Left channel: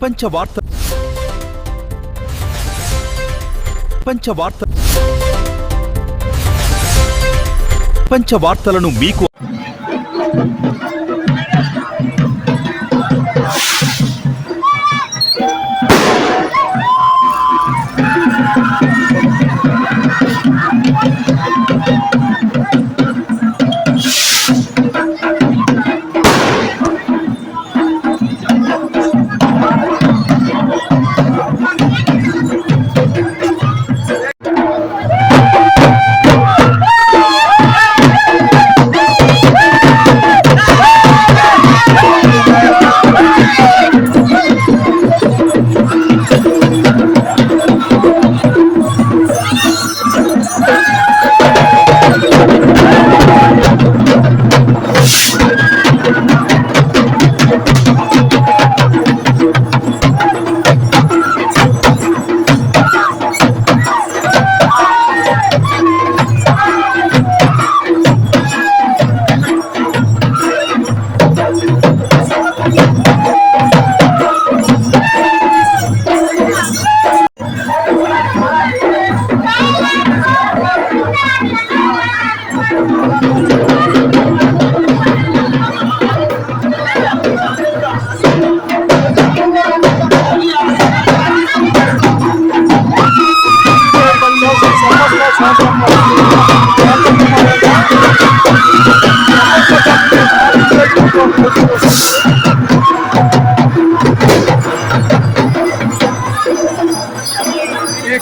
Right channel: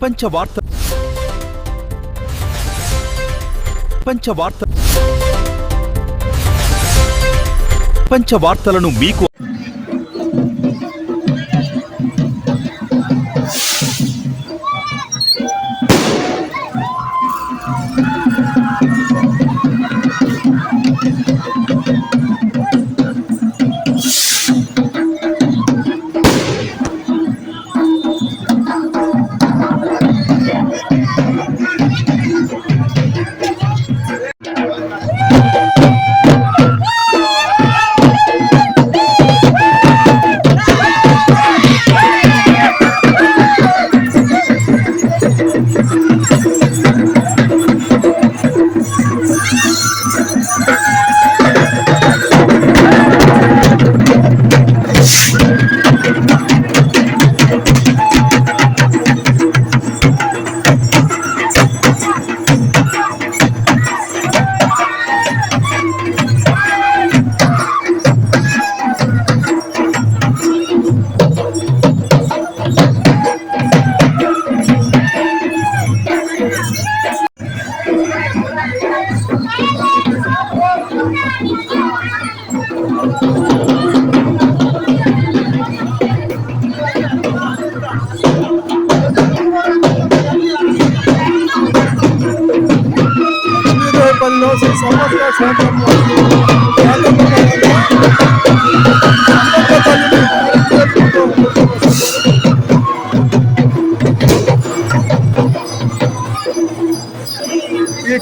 పంచవార్తలను మీకు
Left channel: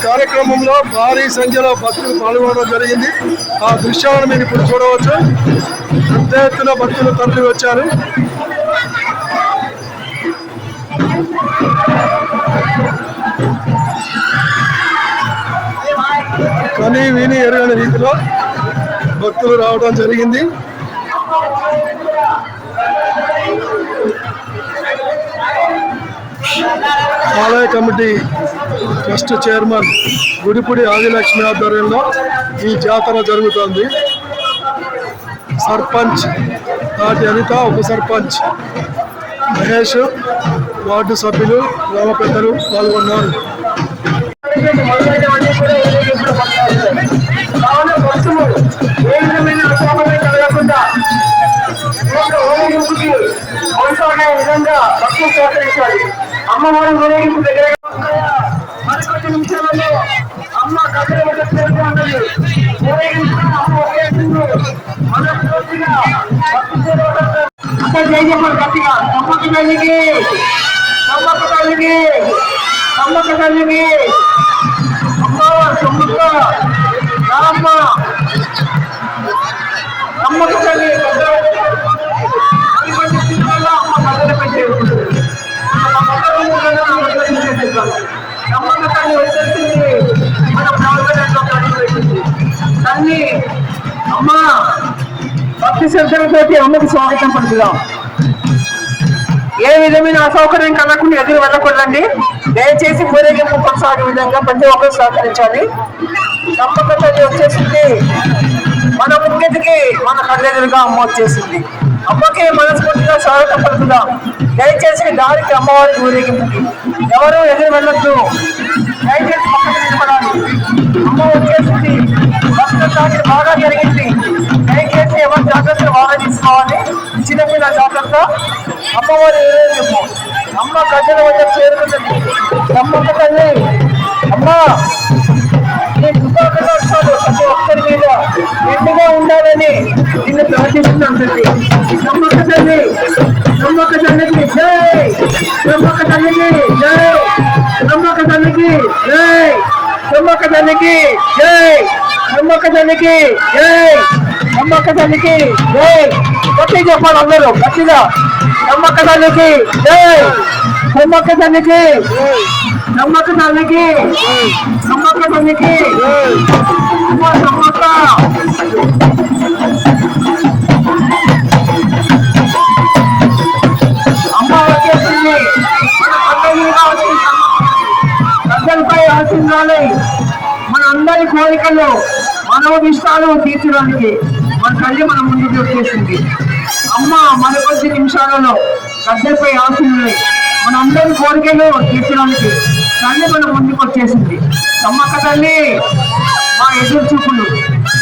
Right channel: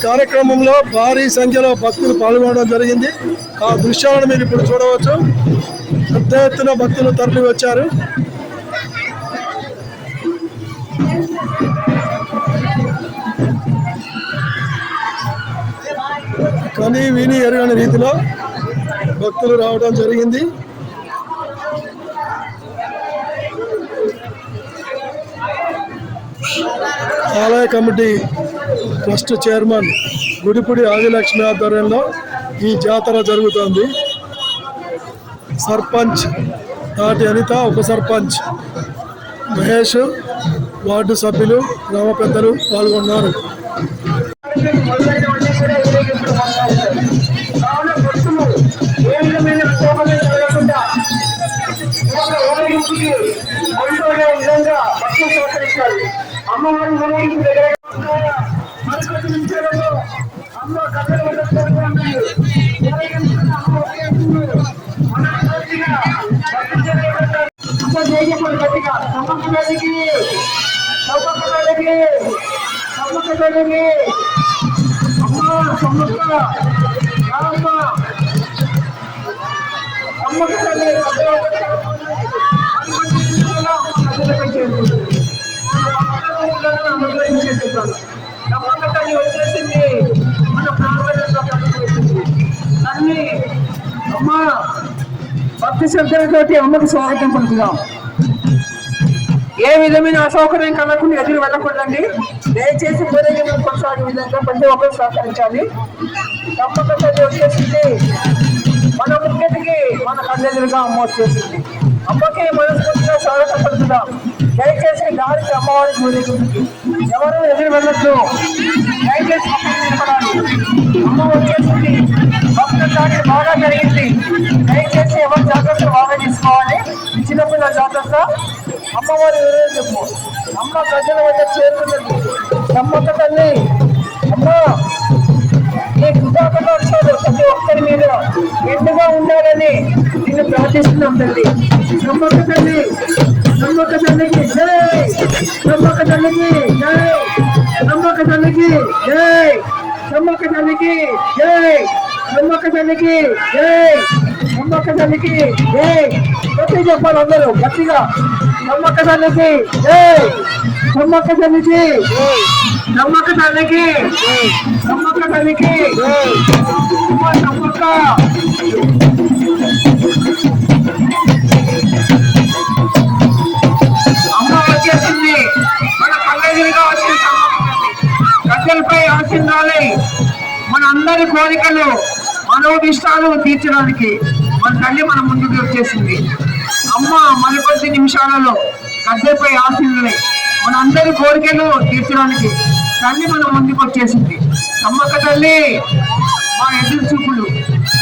కార్యక్రమంలో భారీ సంఖ్యలో భక్తులు పాల్గొనడం జరిగింది. ఆ దృశ్యాలను మీరు ఇప్పుడు చూడవచ్చు. పెద్ద ఎత్తున భక్తులు తరలి వచ్చారు. కని విని ఎరగని రీతిలో భక్తులు రావడం జరిగింది. ఆలయ committee trust chairman Gudipudi Adilakshmi ఆధ్వర్యంలో ఈ జాతర జరుగుతోంది. సర్పంచ్ తాటి అనిత, ఉప సర్పంచ్ మహేష్, వార్డు సభ్యులు, గ్రామ పెద్దలు పాల్గొన్నారు. అమ్మవారి ఊరేగింపు దగ్గర మరికొద్ది నిమిషాలలో అమ్మ కథలు ఉన్నది. ఊరేగింపు మనస్ఫూర్తిగా అమ్మ జయజమ్మడు గట్టిగా సమ్మక్క తల్లికి, సమ్మక్క తల్లికి, సమ్మక్క తల్లికి, అమ్మ సమ్మక్క రామ్మ సమ్మక్క తల్లి మరికొద్ది నిమిషాల్లో అమ్మ కథలు పెట్టేది. సమ్మక్క తల్లి వచ్చేసింది. మన ప్రాంతంలో పెట్టింది తల్లి. అమ్మ భక్తి శ్రద్ధలతో అమ్మకి స్వాగతం పలుకుదాం. ఏ విధమైన అసౌకర్యం కలగకుండా ఎదురు వెళ్ళకూడదండి. దయచేసి ఊరేగింపు కొనసాగే విధంగా ప్రతి ఒక్కరు సహకరించాలి. సమ్మక్క తల్లి వచ్చేసింది. మన ముంగిటికి మన కళ్ళెదురుగా అమ్మ వచ్చేసింది. అమ్మకి మనస్ఫూర్తిగా స్వాగతం పలుకుదాం. దయచేసి దారికి అమ్మవారికి ఊరేగింపుకి ఎవరు ఎదురు వెళ్ళొద్దు. దయచేసి పక్కన నిలబడాలి. అమ్మ వచ్చేసింది. భక్తుల దాడి బాగా జరిగింది. దయచేసి ఎవరు జాగ్రత్తలు బాగా తీసుకోవాలి. చిన్నపిల్లల జాగ్రత్త. అమ్మవారి ఊరేగింపు అమ్మ కట్టెల వద్ద చేరుకున్నది. సమ్మక్క తల్లి అమ్మ నీ కృతజ్ఞతలు ప్రతి ఒక్కరి మీద ఎండుగా ఉండాలని నిన్ను ప్రార్థిస్తున్నాను తల్లి. సమ్మక్క తల్లి, సమ్మక్క తల్లికి జై, సమ్మక్క తల్లికి జై, సమ్మక్క తల్లికి జై, సమ్మక్క తల్లికి జై, సమ్మక్క తల్లికి జై, సమ్మక్క తల్లికి జై. గట్టి చెప్పాలి అందరూ గట్టిగా. సమ్మక్క తల్లికి జై, సమ్మక్క తల్లికి, సమ్మక్క తల్లికి, సమ్మక్క తల్లికి అమ్మ సమ్మక్క. అమ్మ వచ్చేసింది. మన కళ్ళెదురుగా వచ్చింది ప్రజలపై ఆశీర్వాదాలే మన అందరి కోరికలు మనోభిష్టాలు తీర్చడానికి మన తల్లి మన ముందుకు వచ్చేసింది. అమ్మ మన 10 నిమిషాలలో గద్దెపై ఆశీర్వాదాలే మన అందరి కోరికలు తీర్చడానికి తల్లి మన ముందుకు వచ్చేసింది. సమ్మక్క తల్లి మా ఎదురు చూపులు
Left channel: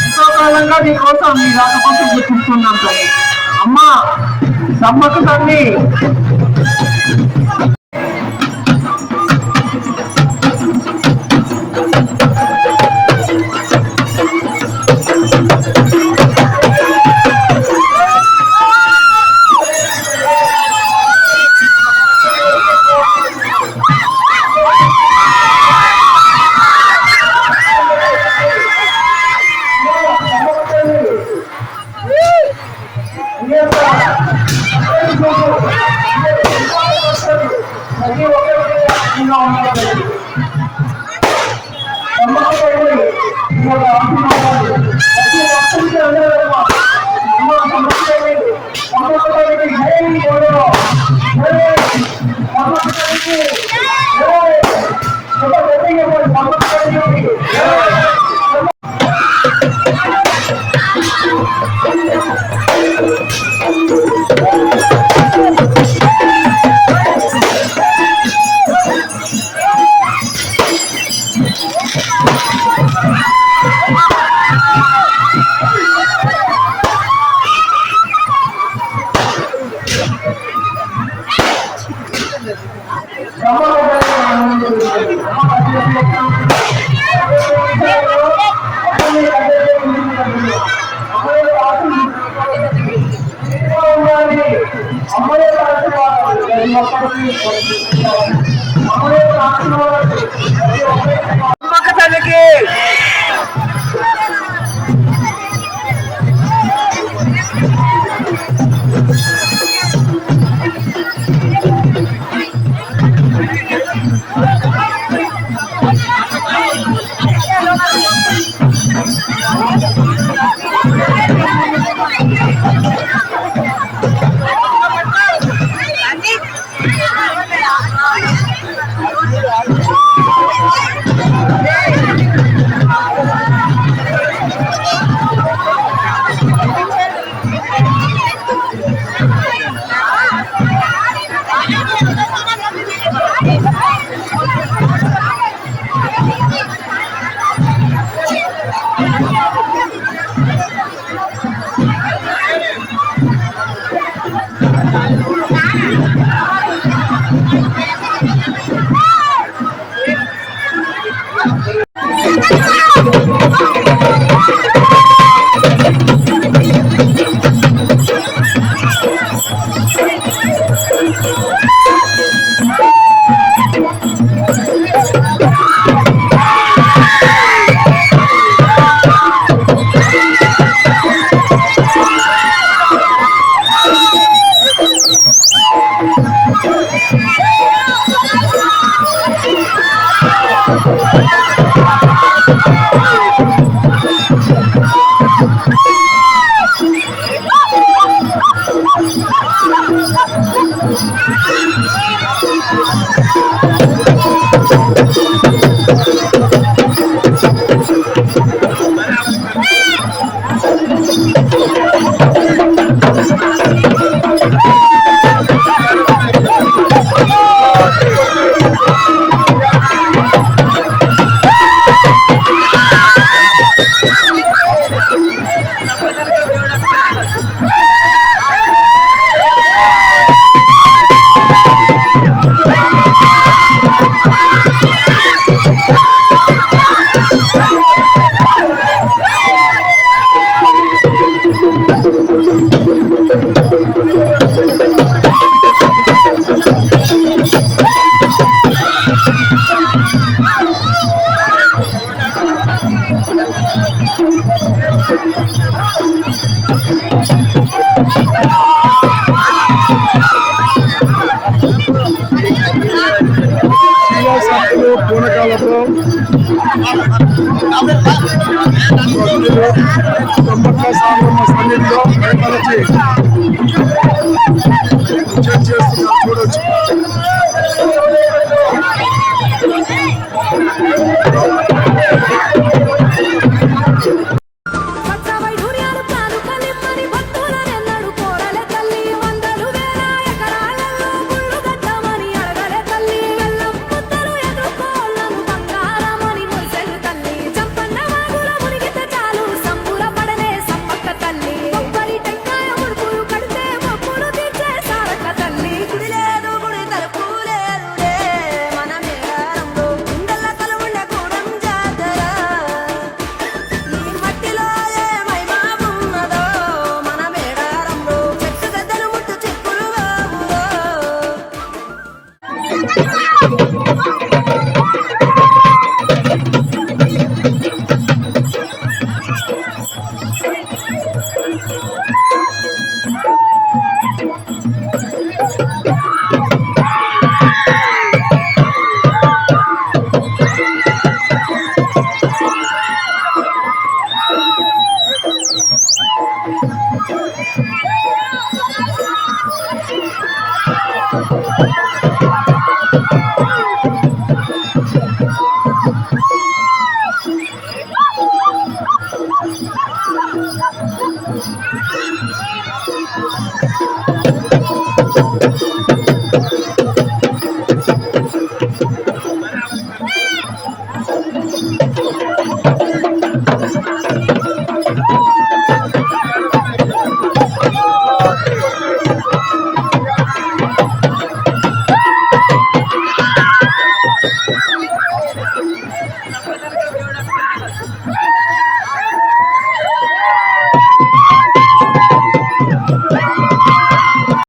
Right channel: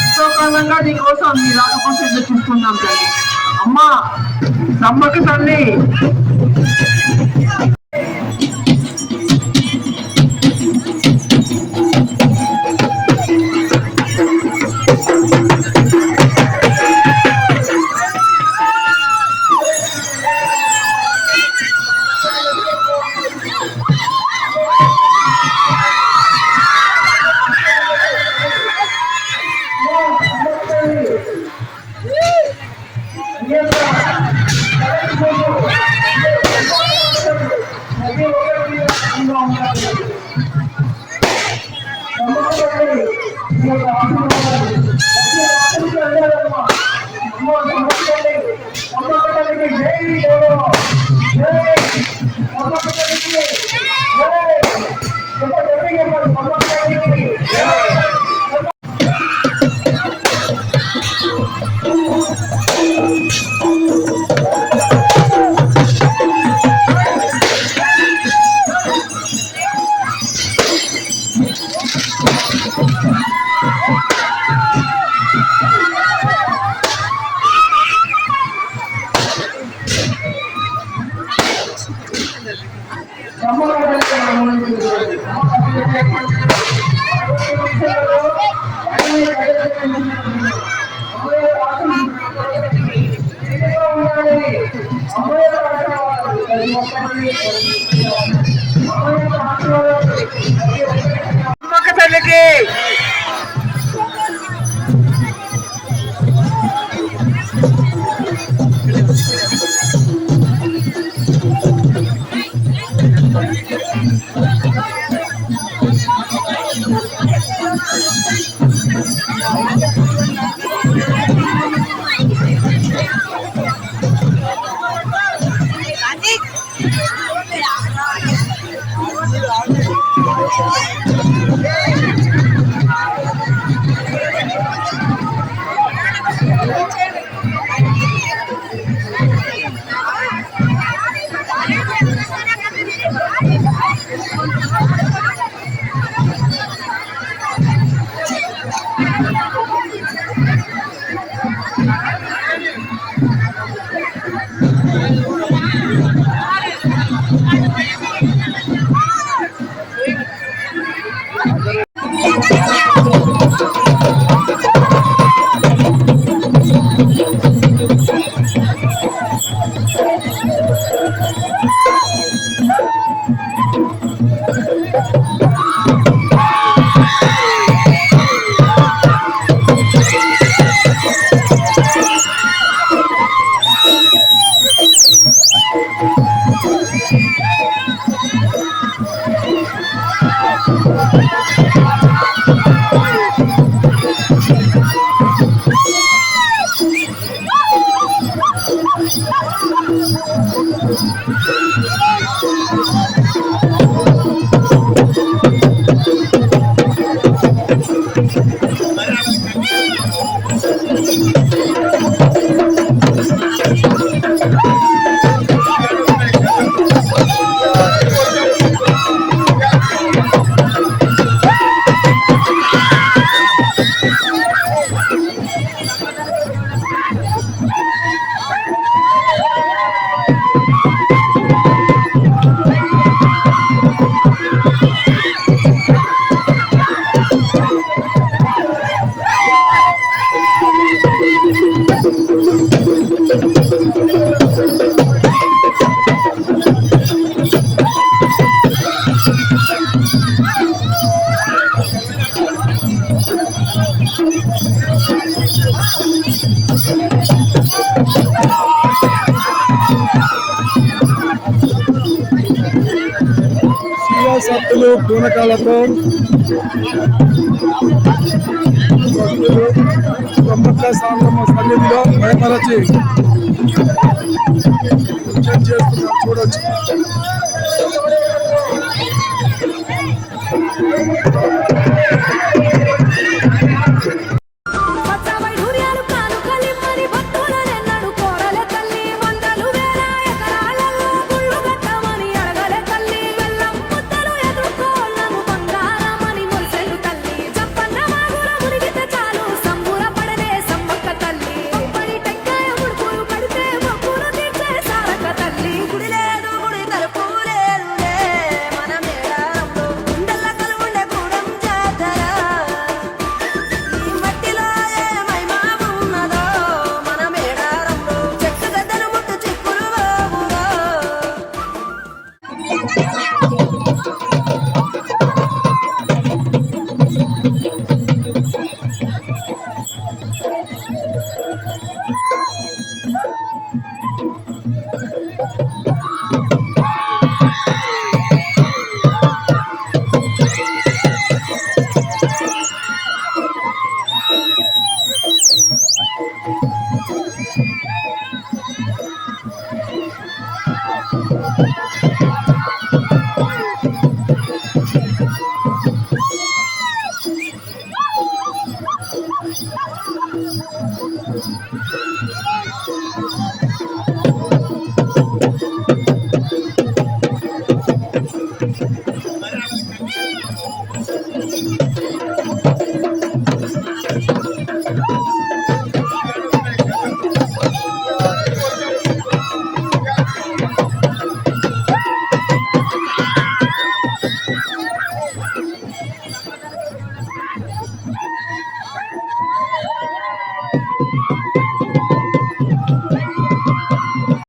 ఎంతో కాలంగా నీకోసం నీ రాక కోసం చూపిస్తున్నాం తల్లి. అమ్మ సమ్మక్క తల్లి సమ్మక్క తల్లికి